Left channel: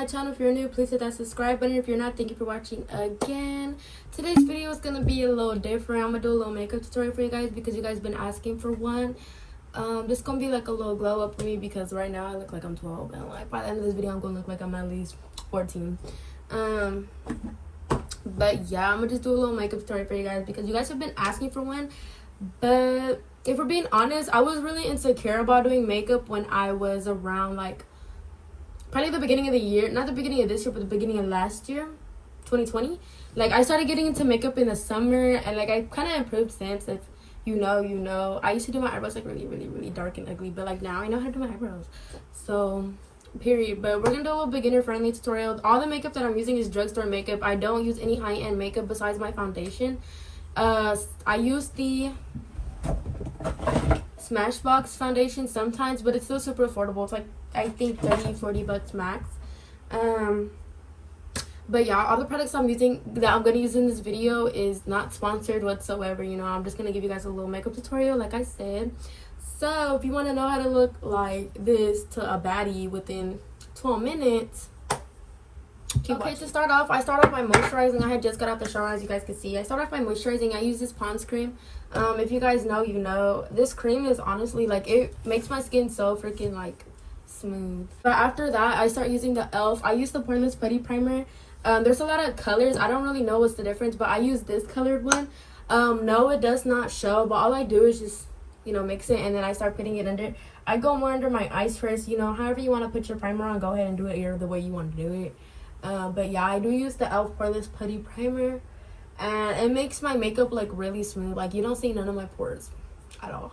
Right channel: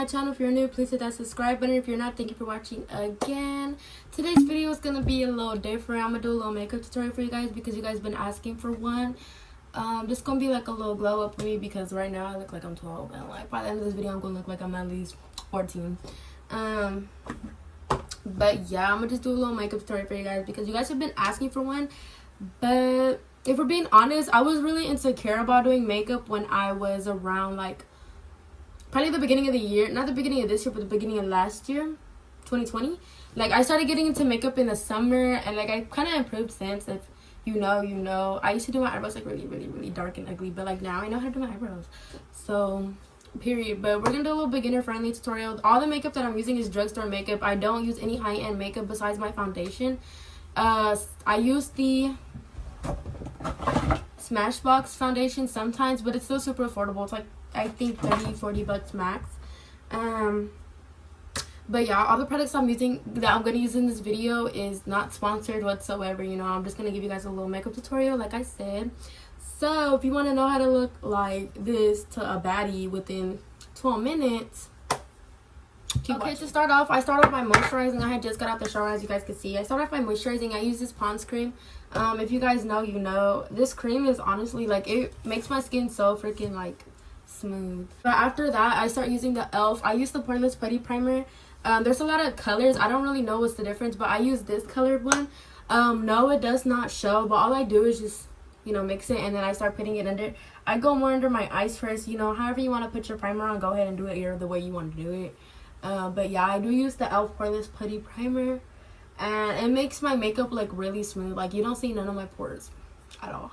my channel. If you're new, please hit that subscribe button. If you're not, thank you for watching again. Today's video is gonna be a little different. I'm gonna do a little makeup tutorial for you guys because you guys been asking for one. This is gonna be like a little glow up for me because right now I look like I'm 12 and like by the end of this video I'm gonna look like I'm at least 14. But yeah, I'm gonna just do a little makeup tutorial for you guys because you guys have been asking for one. But if we're being honest, I was really insecure about doing makeup when I was around like probably the beginning of the year, not the beginning of this year, but the beginning of last year, 2020. Like I started getting into makeup in the summer, and like I kind of improved since. If you know, I used to do my eyebrows like really dark and ugly, but like now I know how to do my eyebrows. So period. But we're gonna do a little beginner friendly tutorial. All the makeup that I'm using is drugstore makeup. I don't use any high-end makeup besides my foundation. I use the Smashbox foundation sometimes, but it's still super affordable. It's like I think 30-40 bucks max. But yeah, all the products I'm using that I'm gonna use in this video is not sponsored whatsoever. You know, I'm just gonna give you guys a little makeup tutorial like I said. So if you want to know how to look like this to a baddie within 12 minutes, okay, to start off, I start off by moisturizing. I had just got out the shower, as you guys can see. I start off by moisturizing. I use this Pond's cream. If you guys know, you know. This cream is honestly, like, it makes my skin so freaking, like, smooth. But after that, I start using the e.l.f. I use the Poreless Putty Primer. There's a lot of colors. I don't really know what's the difference, but I use this colored one. No, it does not show, but all I do is just, you know, mix it, and then I start putting it under. I go more under my eyes first. You know, however you want to put your primer on, go ahead and do it the way you want to do it. But yeah, I do use the e.l.f. Poreless Putty Primer, and it makes my makeup like really smooth. Like you don't see none of my pores at all.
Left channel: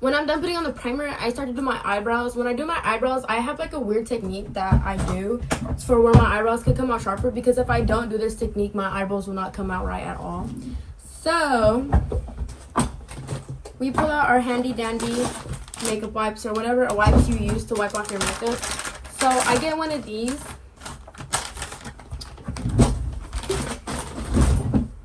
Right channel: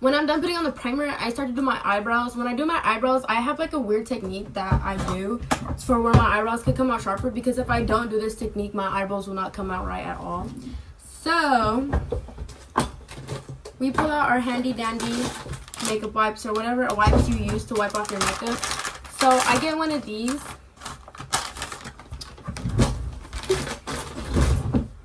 When I'm done putting on the primer, I start to do my eyebrows. When I do my eyebrows, I have like a weird technique that I do for where my eyebrows can come out sharper, because if I don't do this technique, my eyebrows will not come out right at all. So we pull out our handy dandy makeup wipes, or whatever wipes you use to wipe off your makeup. So I get one of these,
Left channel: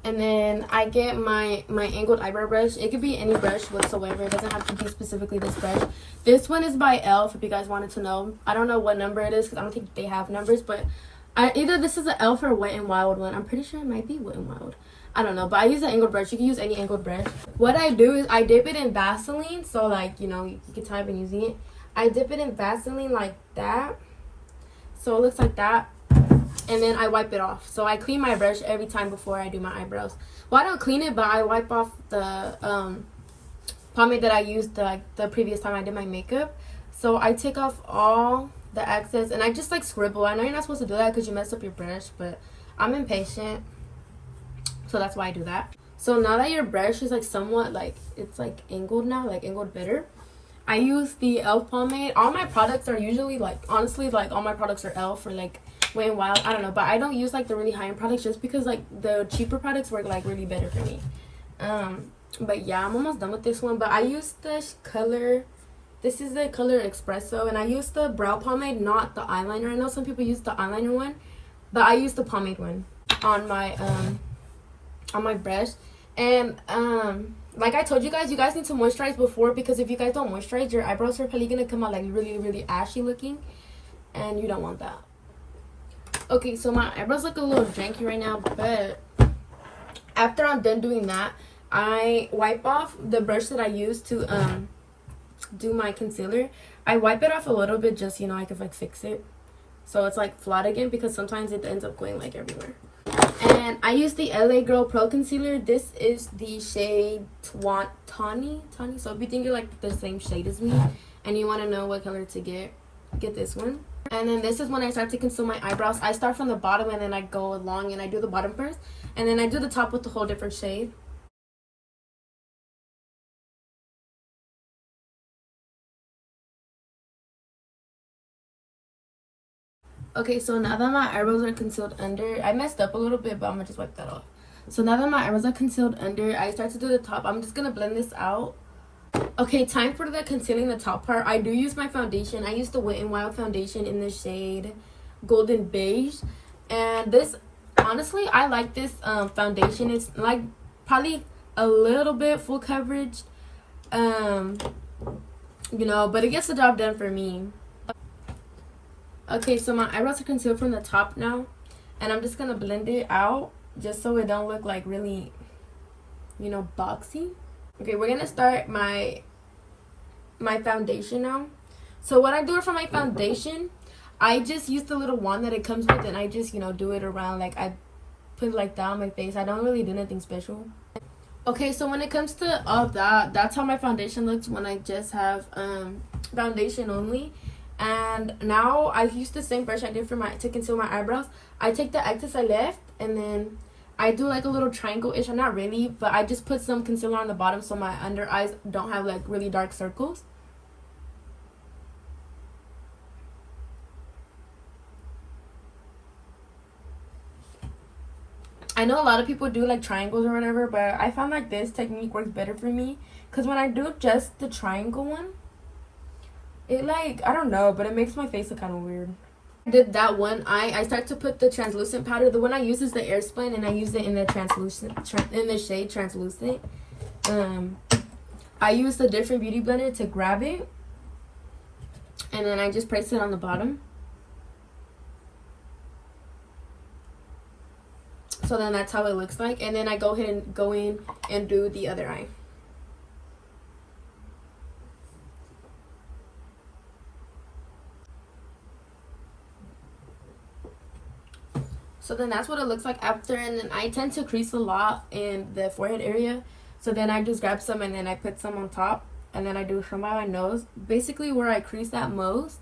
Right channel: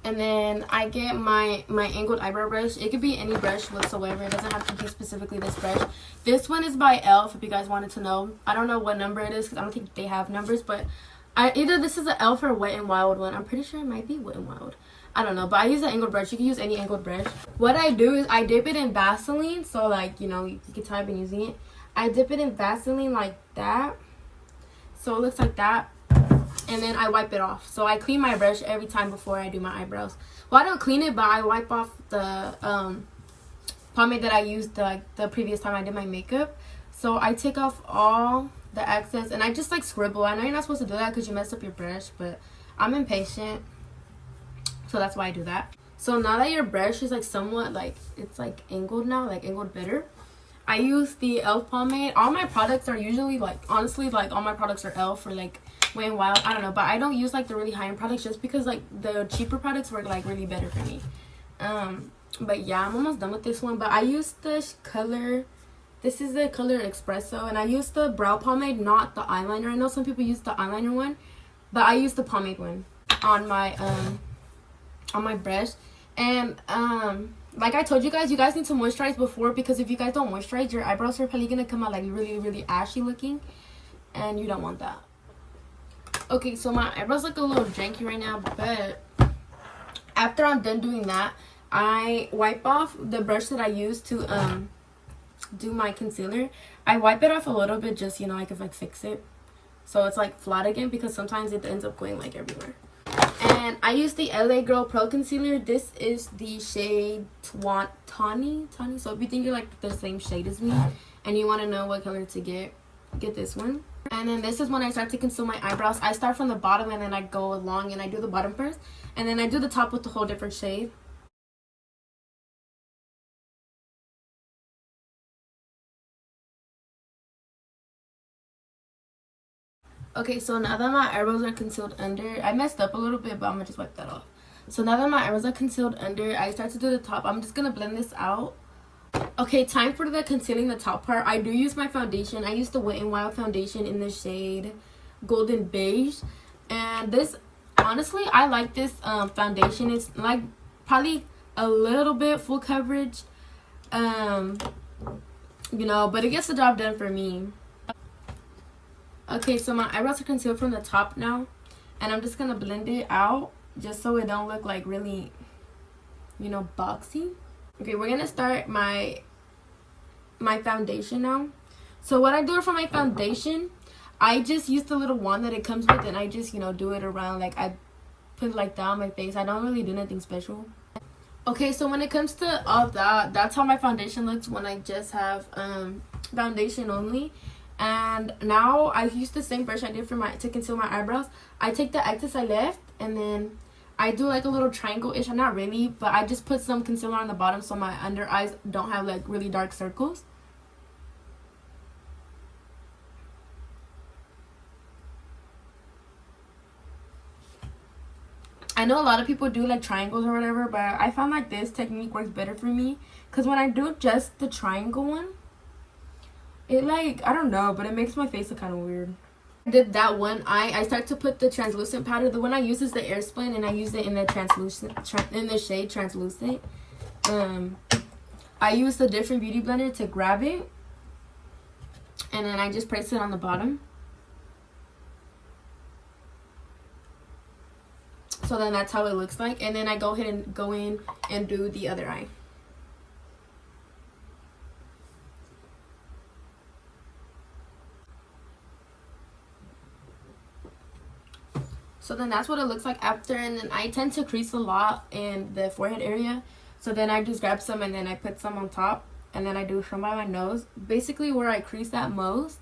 and then I get my angled eyebrow brush. It could be any brush whatsoever. It doesn't have to be specifically this brush. This one is by e.l.f. if you guys wanted to know. I don't know what number it is because I don't think they have numbers, but either this is an e.l.f. or Wet n Wild one. I'm pretty sure it might be Wet n Wild. I don't know, but I use an angled brush. You can use any angled brush. What I do is I dip it in Vaseline, so like, you know, you can tell I've been using it. I dip it in Vaseline like that, so it looks like that, and then I wipe it off. So I clean my brush every time before I do my eyebrows. Well, I don't clean it, but I wipe off the pomade that I used the previous time I did my makeup. So I take off all the excess, and I just like scribble. I know you're not supposed to do that because you messed up your brush, but I'm impatient, so that's why I do that. So now that your brush is like somewhat like, it's like angled now, like angled better, I use the e.l.f. pomade. All my products are usually like, honestly, like all my products are e.l.f. or like Wet n Wild. I don't know, but I don't use like the really high-end products just because like the cheaper products work like really better for me. But yeah, I'm almost done with this one. But I use this color. This is the color Espresso, and I use the brow pomade, not the eyeliner. I know some people use the eyeliner one, but I use the pomade one on my brush. And like I told you guys need to moisturize before, because if you guys don't moisturize, your eyebrows are probably gonna come out like really ashy looking, and you don't want that. Okay, so my eyebrows look a little janky right now, but after I'm done doing that, I wipe off the brush that I use to do my concealer. I wipe it off a little bit, just, you know, I could like fix it so it's like flat again, because sometimes it ends up going like everywhere. And I use the LA Girl Pro Concealer. This is the shade Tawny. So if you think you're like the same shade as me and you want to know what color to get this one. And then this is when I start to conceal my eyebrows. I start from the bottom and then I go along and I do the bottom first, and then I do the top with a whole different shade. Okay, so now that my eyebrows are concealed under, I messed up a little bit, but I'm gonna just wipe that off. So now that my eyebrows are concealed under, I start to do the top. I'm just gonna blend this out. Okay, time for the concealing the top part. I do use my foundation. I use the Wet n Wild foundation in the shade Golden Beige. And this, honestly, I like this foundation. It's like probably a little bit full coverage, you know, but it gets the job done for me. Okay, so my eyebrows are concealed from the top now, and I'm just gonna blend it out just so it don't look like really, you know, boxy. Okay, we're gonna start my foundation now. So what I do for my foundation, I just use the little wand that it comes with, and I just, you know, do it around, like I put it like down my face. I don't really do anything special. Okay, so when it comes to all that, that's how my foundation looks when I just have foundation only. And now I use the same brush I did for to conceal my eyebrows. I take the excess I left, and then I do like a little triangle-ish. Not really, but I just put some concealer on the bottom so my under eyes don't have like really dark circles. I know a lot of people do like triangles or whatever, but I found like this technique works better for me, because when I do just the triangle one, it like, I don't know, but it makes my face look kind of weird. I did that one eye. I start to put the translucent powder. The one I use is the Airspun, and I use it in the translucent, in the shade translucent. I use a different beauty blender to grab it, and then I just place it on the bottom. So then that's how it looks like, and then I go ahead and go in and do the other eye. So then that's what it looks like after, and then I tend to crease a lot in the forehead area. So then I just grab some and then I put some on top, and then I do from my nose, basically where I crease at most.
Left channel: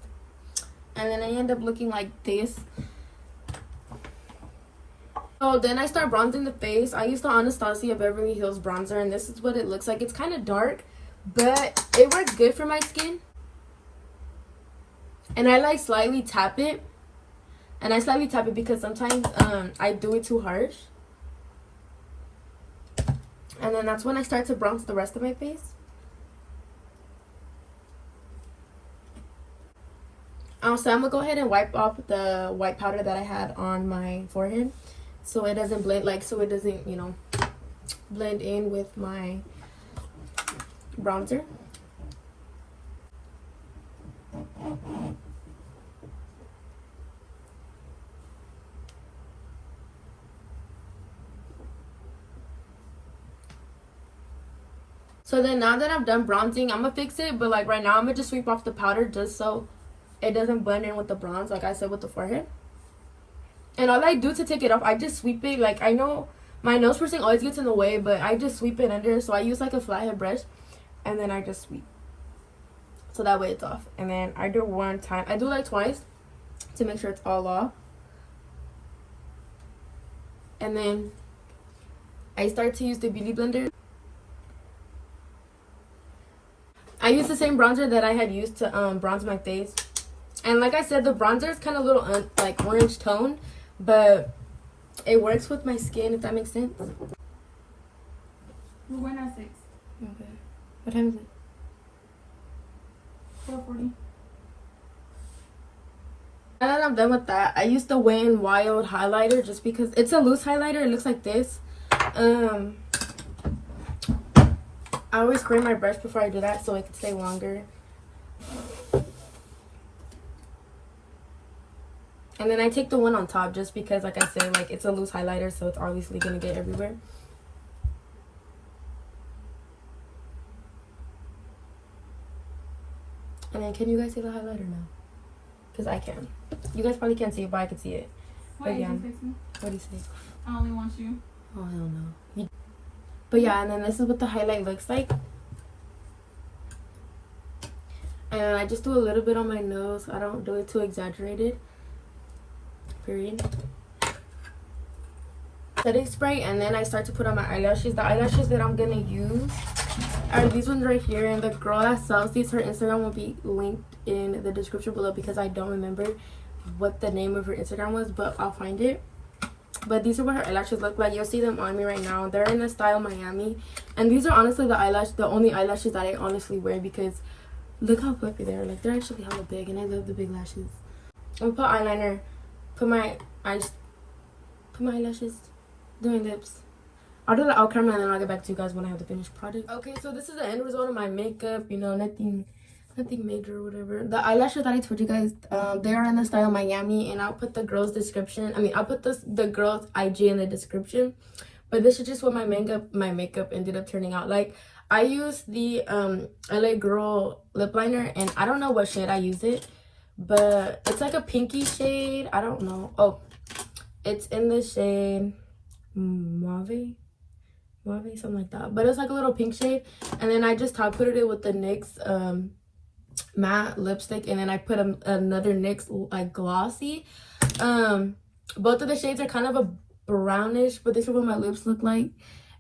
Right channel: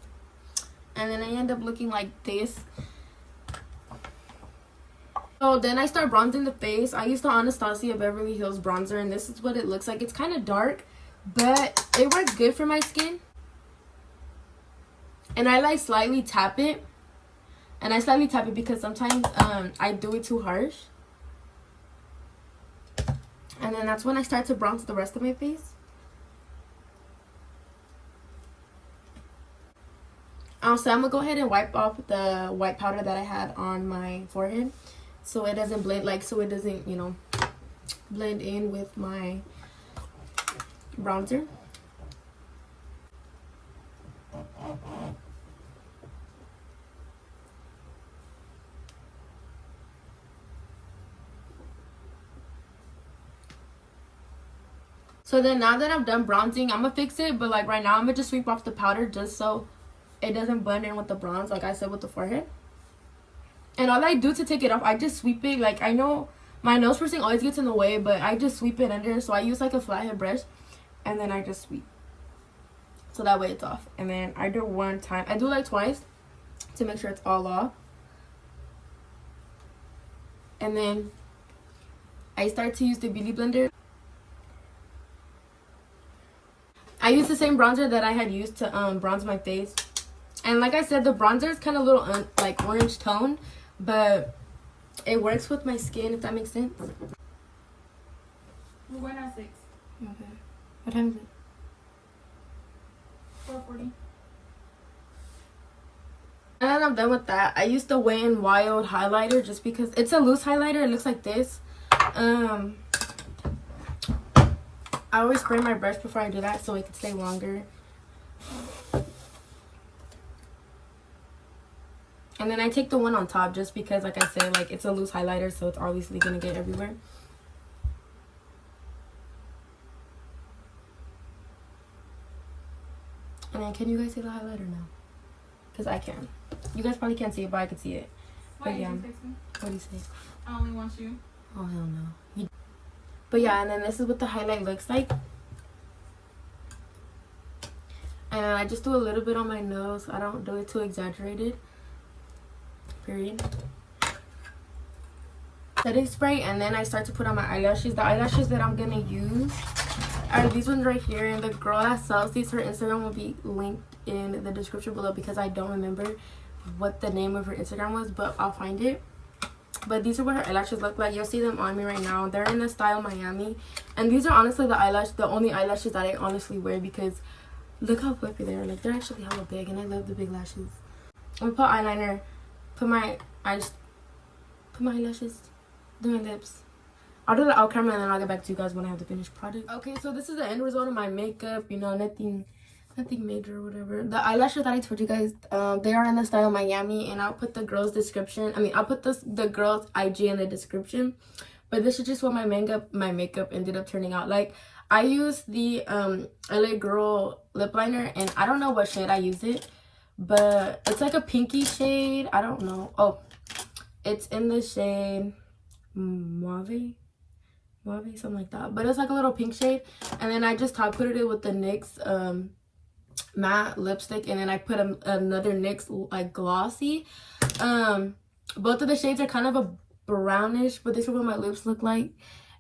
And then I end up looking like this. So then I start bronzing the face. I use the Anastasia Beverly Hills bronzer, and this is what it looks like. It's kind of dark, but it works good for my skin. And I like slightly tap it. And I slightly tap it because sometimes I do it too harsh. And then that's when I start to bronze the rest of my face. So I'm going to go ahead and wipe off the white powder that I had on my forehead, so it doesn't blend, like, so it doesn't, you know, blend in with my bronzer. So then now that I'm done bronzing, I'm gonna fix it, but like right now I'm gonna just sweep off the powder just so it doesn't blend in with the bronze, like I said with the forehead. And all I do to take it off, I just sweep it. Like, I know my nose piercing always gets in the way, but I just sweep it under. So I use like a flathead brush, and then I just sweep, so that way it's off. And then I do one time, I do like twice to make sure it's all off. And then I start to use the beauty blender. I use the same bronzer that I had used to bronze my face. And like I said, the bronzer is kind of a little like orange tone, but it works with my skin, if that makes sense. We went at 6. Okay. What time is it? 4:40. Now that I'm done with that, I use the Wet n Wild highlighter just because it's a loose highlighter. It looks like this. I always spray my brush before I do that so it can stay longer. And then I take the one on top just because, like I said, like it's a loose highlighter, so it's obviously gonna get everywhere. And then can you guys see the highlighter now? Because I can. You guys probably can't see it, but I can see it. Why But yeah. did you fix me? What do you say? I only want you. Oh, hell no. But yeah, and then this is what the highlight looks like. And I just do a little bit on my nose. I don't do it too exaggerated. Period. Setting spray, and then I start to put on my eyelashes. The eyelashes that I'm gonna use are these ones right here. And the girl that sells these, her Instagram will be linked in the description below because I don't remember what the name of her Instagram was, but I'll find it. But these are what her eyelashes look like. You'll see them on me right now. They're in the style Miami, and these are honestly the only eyelashes that I honestly wear because look how fluffy they are. Like, they're actually hella big, and I love the big lashes. I'm gonna put eyeliner, put my eyelashes, do my lips. I'll do the out camera, and then I'll get back to you guys when I have the finished product. Okay, so this is the end result of my makeup. You know, nothing I think major or whatever. The eyelashes that I told you guys, they are in the style Miami, and I'll put the girl's description. I mean, I'll put the girl's IG in the description. But this is just what my makeup ended up turning out like. I used the LA Girl lip liner, and I don't know what shade I used it, but it's like a pinky shade. I don't know. Oh, it's in the shade mauve, something like that. But it's like a little pink shade, and then I just top coated it with the NYX matte lipstick, and then I put another NYX like glossy. Both of the shades are kind of a brownish, but this is what my lips look like.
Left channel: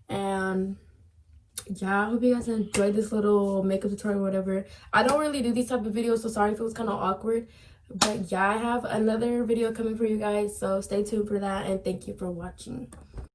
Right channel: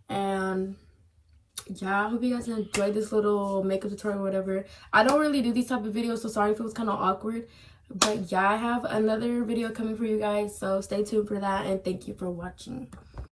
And yeah, I hope you guys enjoyed this little makeup tutorial or whatever. I don't really do these type of videos, so sorry if it was kind of awkward, but yeah, I have another video coming for you guys, so stay tuned for that, and thank you for watching.